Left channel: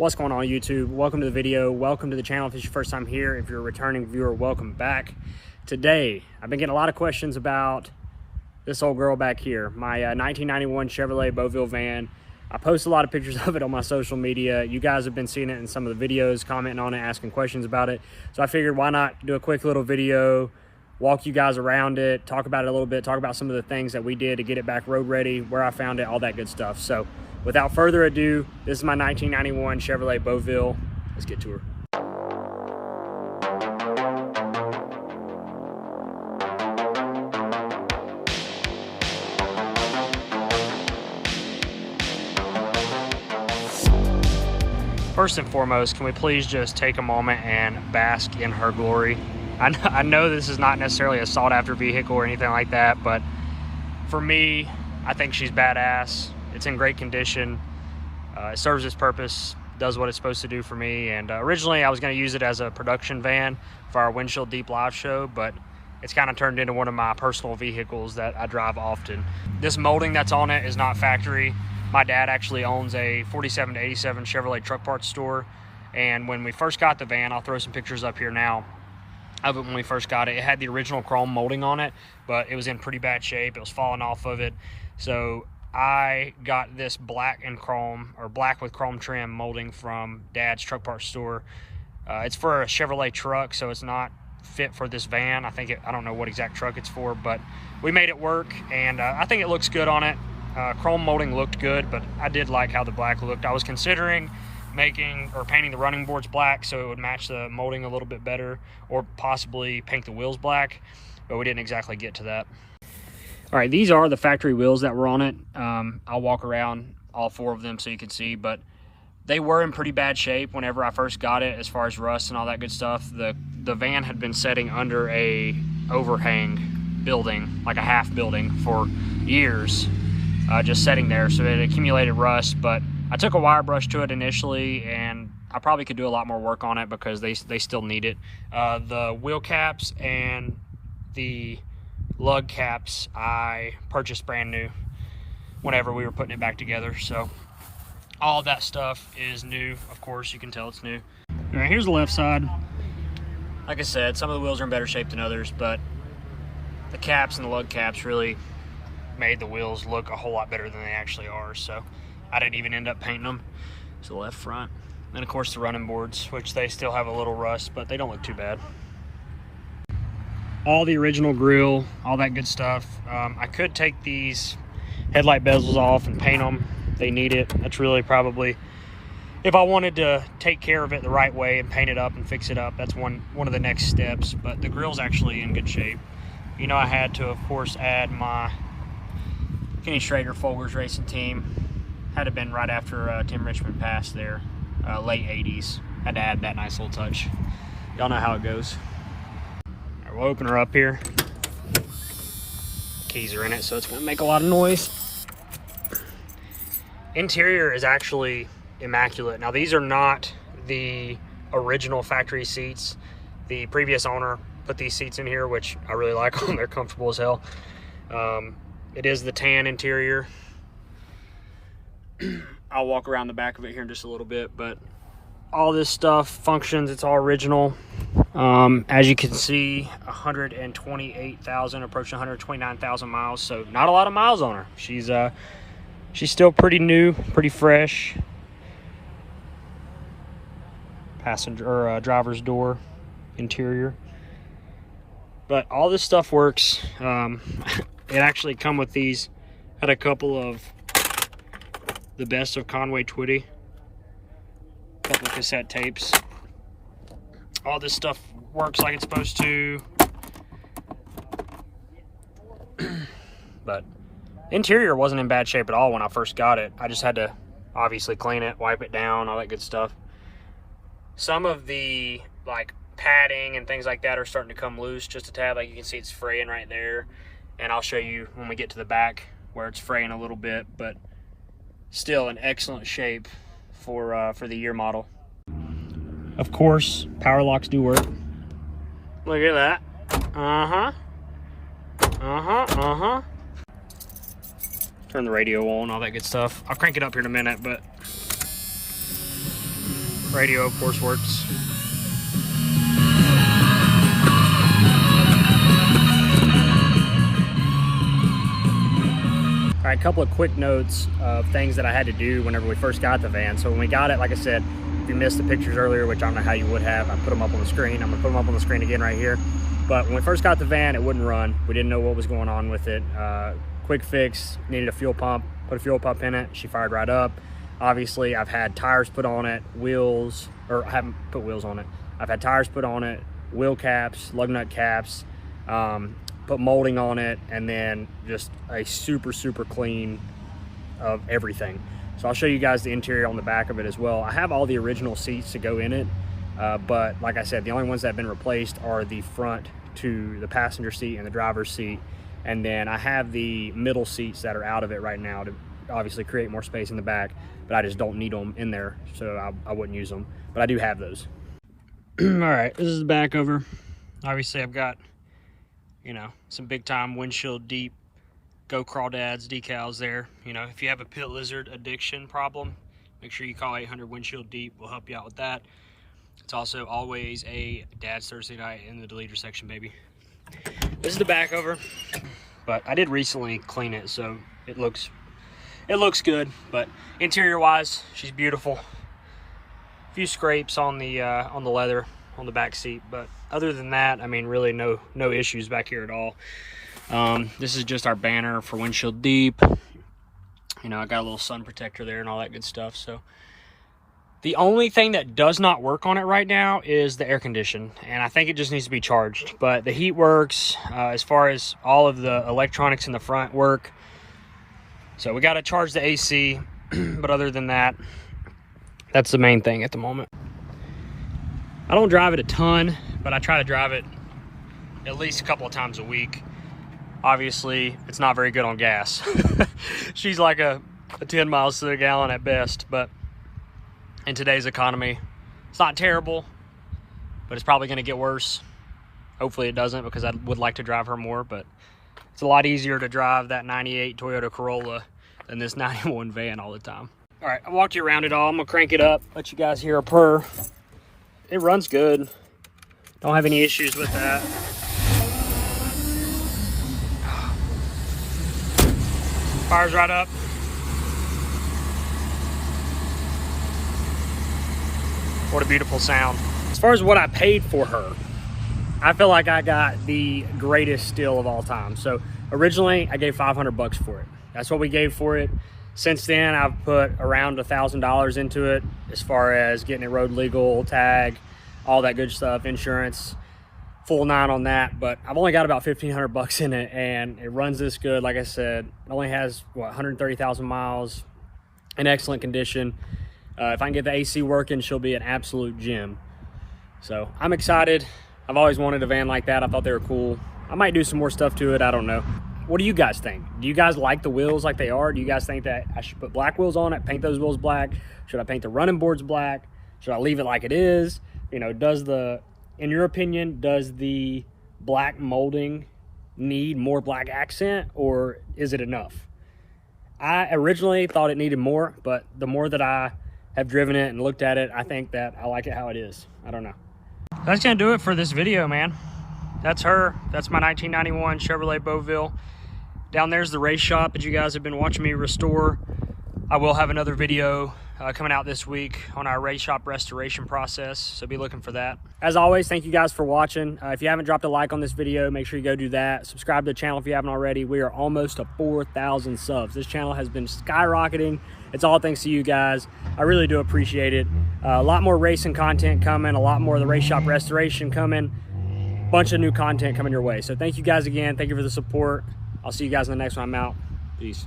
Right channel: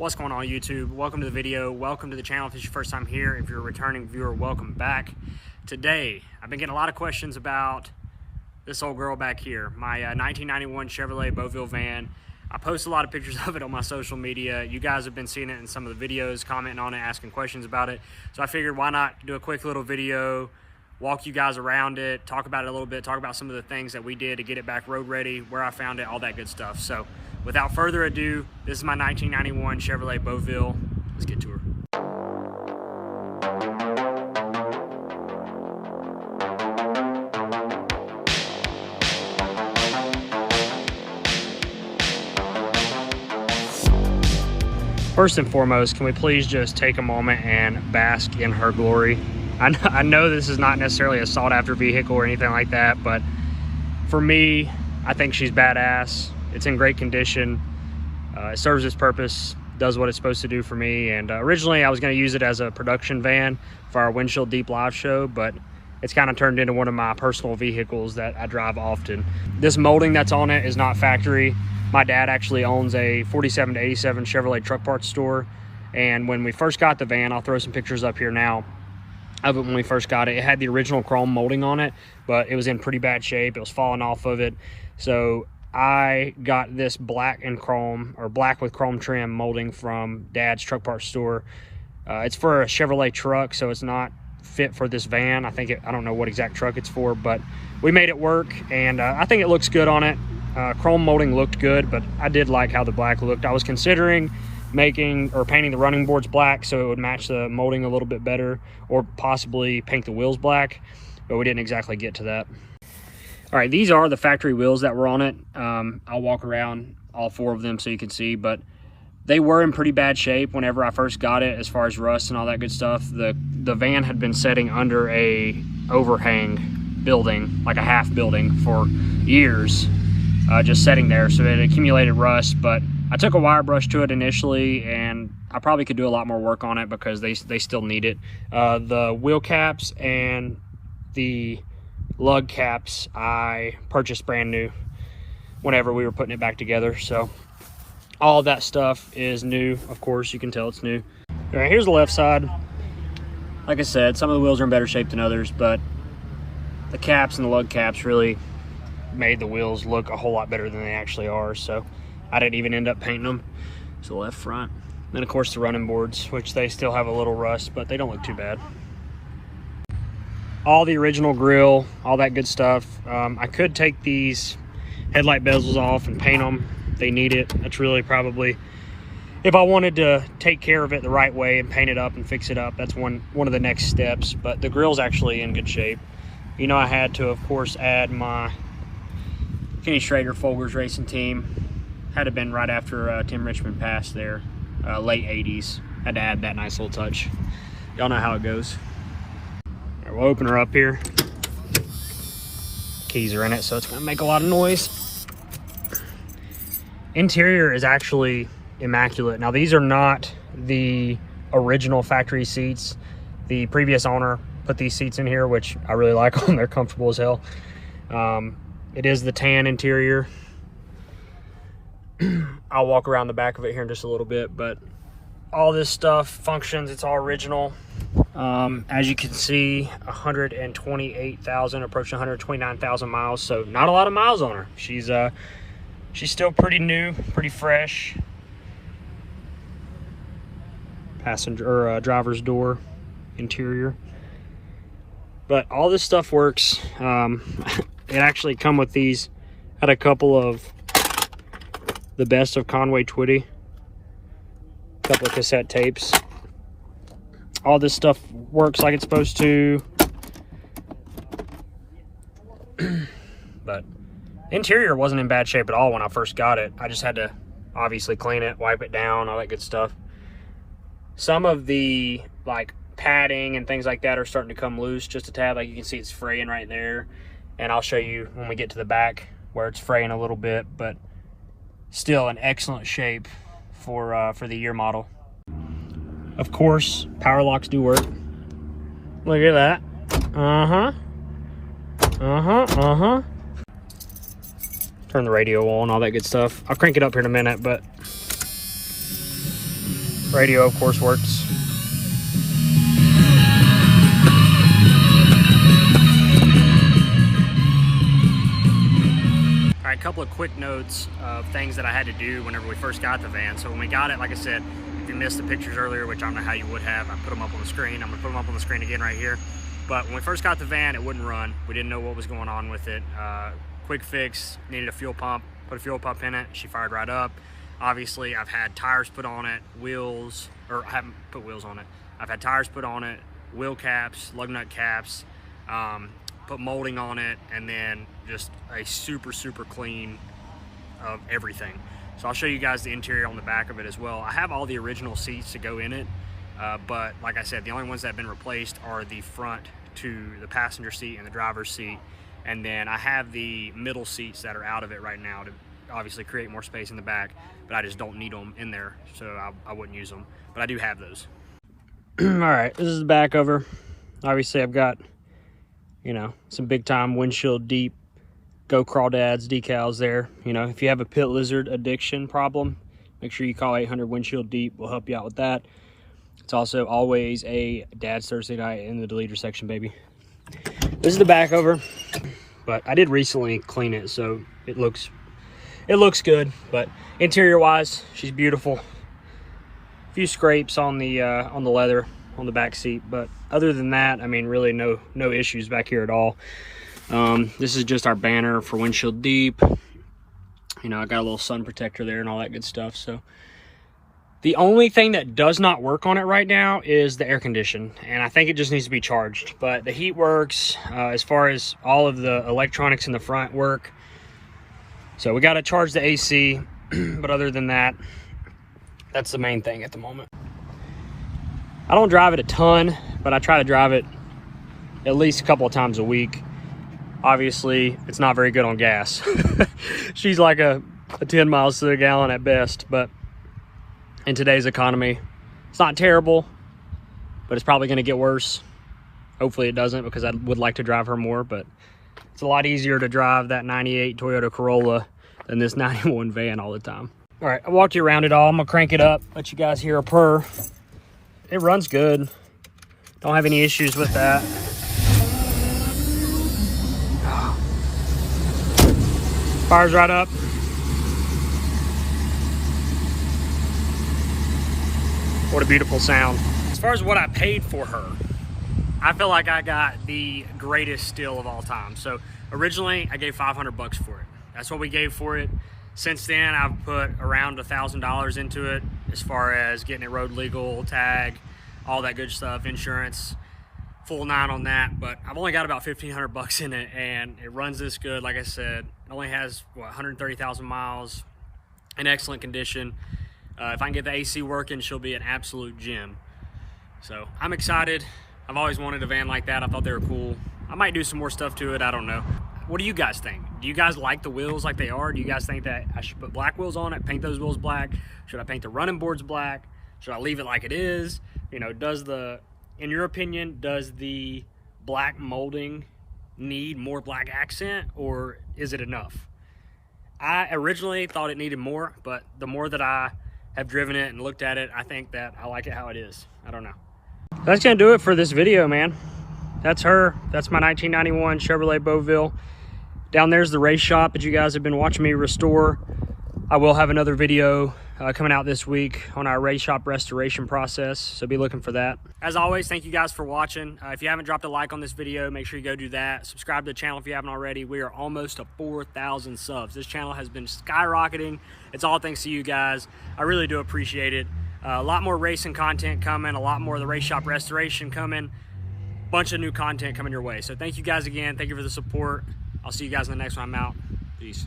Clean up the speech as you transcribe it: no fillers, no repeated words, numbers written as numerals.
What's going on, YouTube? Welcome to the video. Welcome to the channel if it's your first time here. If you're a returning viewer, welcome back. Today I've been getting a lot of questions about this old girl back here, my 1991 Chevrolet Beauville van. I post a lot of pictures of it on my social media. You guys have been seeing it in some of the videos, commenting on it, asking questions about it. So I figured, why not do a quick little video, walk you guys around it, talk about it a little bit, talk about some of the things that we did to get it back road ready, where I found it, all that good stuff. So without further ado, this is my 1991 Chevrolet Beauville. Let's get to her. First and foremost, can we please just take a moment and bask in her glory? I know this is not necessarily a sought after vehicle or anything like that, but for me, I think she's badass. It's in great condition. It serves its purpose, does what it's supposed to do for me. And originally I was going to use it as a production van for our Windshield Deep live show, but it's kind of turned into one of my personal vehicles that I drive often. This molding that's on it is not factory. My dad actually owns a 47 to 87 Chevrolet truck parts store. And when we first got the van, I'll throw some pictures up here now of it when we first got it. It had the original chrome molding on it, but it was in pretty bad shape. It was falling off of it. So I got this black and chrome, or black with chrome trim molding from Dad's truck parts store. It's for a Chevrolet truck, so it's not fit for this van. I don't know what exact truck it's for, but we made it work, and I think it looks good on it. Chrome molding looked good, but I did like how the black looked. I was considering making or painting the running boards black so it would match the molding a little bit better, or possibly paint the wheels black, but we didn't exactly get to that. All right, these are the factory wheels that were on it. I'll walk around all four of them so you can see, but they were in pretty bad shape whenever I first got it, as far as rust and all that good stuff. The van had been sitting under a overhang building, like a half building, for years, just sitting there, so it accumulated rust. But I took a wire brush to it initially, and I probably could do a lot more work on it because they still need it. The wheel caps and the lug caps I purchased brand new whenever we were putting it back together, so all of that stuff is new. Of course, you can tell it's new. All right, here's the left side. Like I said, some of the wheels are in better shape than others, but the caps and the lug caps really made the wheels look a whole lot better than they actually are, so I didn't even end up painting them. So the left front, and of course the running boards, which they still have a little rust, but they don't look too bad. All the original grill, all that good stuff. I could take these headlight bezels off and paint them. They need it. That's really probably, if I wanted to take care of it the right way and paint it up and fix it up, that's one of the next steps. But the grill's actually in good shape. You know, I had to, of course, add my Kenny Schrader Folgers racing team. Had to been right after Tim Richmond passed there, late 80s. Had to add that nice little touch. Y'all know how it goes. All right, we'll open her up here. Keys are in it, so it's gonna make a lot of noise. Interior is actually immaculate. Now, these are not the original factory seats. The previous owner put these seats in here, which I really like them. They're comfortable as hell. It is the tan interior. I'll walk around the back of it here in just a little bit, but all this stuff functions. It's all original. As you can see, 128,000, approaching 129,000 miles, so not a lot of miles on her. She's still pretty new, pretty fresh. Passenger or driver's door interior, but all this stuff works. It actually come with these. Had a couple of the best of Conway Twitty, a couple of cassette tapes. All this stuff works like it's supposed to. But interior wasn't in bad shape at all when I first got it. I just had to obviously clean it, wipe it down, all that good stuff. Some of the like padding and things like that are starting to come loose just a tad. Like you can see, it's fraying right there, and I'll show you when we get to the back where it's fraying a little bit, but still in excellent shape for the year model. Of course, power locks do work. Look at that. Turn the radio on, all that good stuff. I'll crank it up here in a minute, but Radio, of course, works. All right, a couple of quick notes of things that I had to do whenever we first got the van. So when we got it, like I said, if you missed the pictures earlier, which I don't know how you would have, I put them up on the screen. I'm gonna put them up on the screen again right here. But when we first got the van, it wouldn't run. We didn't know what was going on with it. Quick fix, needed a fuel pump, put a fuel pump in it. She fired right up. Obviously, I've had tires put on it, wheels, or I haven't put wheels on it. I've had tires put on it, wheel caps, lug nut caps, put molding on it, and then just a super clean of everything. So I'll show you guys the interior on the back of it as well. I have all the original seats to go in it, but like I said, the only ones that have been replaced are the front to the passenger seat and the driver's seat, and then I have the middle seats that are out of it right now to obviously create more space in the back, but I just don't need them in there, so I wouldn't use them, but I do have those. All right, this is the back of her. Obviously I've got, you know, some big time windshield deep Go Crawdads decals there. You know, if you have a pit lizard addiction problem, make sure you call 800 windshield deep. We'll help you out with that. It's also always a Dad's Thursday night in the deleter section, baby. This is the back of her, but I did recently clean it, so it looks good. But interior wise, she's beautiful. A few scrapes on the leather on the back seat, but other than that, I mean, really no issues back here at all. This is just our banner for windshield deep. You know, I got a little sun protector there and all that good stuff. So the only thing that does not work on it right now is the air condition, and I think it just needs to be charged. But the heat works. As far as all of the electronics in the front work. So we got to charge the AC, but other than that, that's the main thing at the moment. I don't drive it a ton, but I try to drive it at least a couple of times a week. Obviously, it's not very good on gas. She's like a 10 miles to the gallon at best, but in today's economy, it's not terrible, but it's probably gonna get worse. Hopefully it doesn't, because I would like to drive her more, but it's a lot easier to drive that 98 Toyota Corolla than this 91 van all the time. All right, I walked you around it all. I'm gonna crank it up, let you guys hear a purr. It runs good. Don't have any issues with that. Fires right up. What a beautiful sound. As far as what I paid for her, I feel like I got the greatest steal of all time. So originally I gave 500 bucks for it. That's what we gave for it. Since then, I've put around $1,000 into it as far as getting it road legal, tag, all that good stuff, insurance, full 9 on that. But I've only got about 1,500 bucks in it, and it runs this good. Like I said, it only has, what, 130,000 miles, in excellent condition. If I can get the AC working, she'll be an absolute gem. So I'm excited. I've always wanted a van like that. I thought they were cool. I might do some more stuff to it. I don't know. What do you guys think? Do you guys like the wheels like they are? Do you guys think that I should put black wheels on it, paint those wheels black? Should I paint the running boards black? Should I leave it like it is? You know, in your opinion, does the black molding need more black accent, or is it enough? I originally thought it needed more, but the more that I have driven it and looked at it, I think that I like it how it is. I don't know. That's gonna do it for this video, man. That's her. That's my 1991 Chevrolet Beauville. Down there's the race shop that you guys have been watching me restore. I will have another video coming out this week on our race shop restoration process, so be looking for that. As always, thank you guys for watching. If you haven't dropped a like on this video, make sure you go do that. Subscribe to the channel if you haven't already. We are almost to 4,000 subs. This channel has been skyrocketing. It's all thanks to you guys. I really do appreciate it. A lot more racing content coming, a lot more of the race shop restoration coming, bunch of new content coming your way. So thank you guys again. Thank you for the support. I'll see you guys in the next one. I'm out. Peace.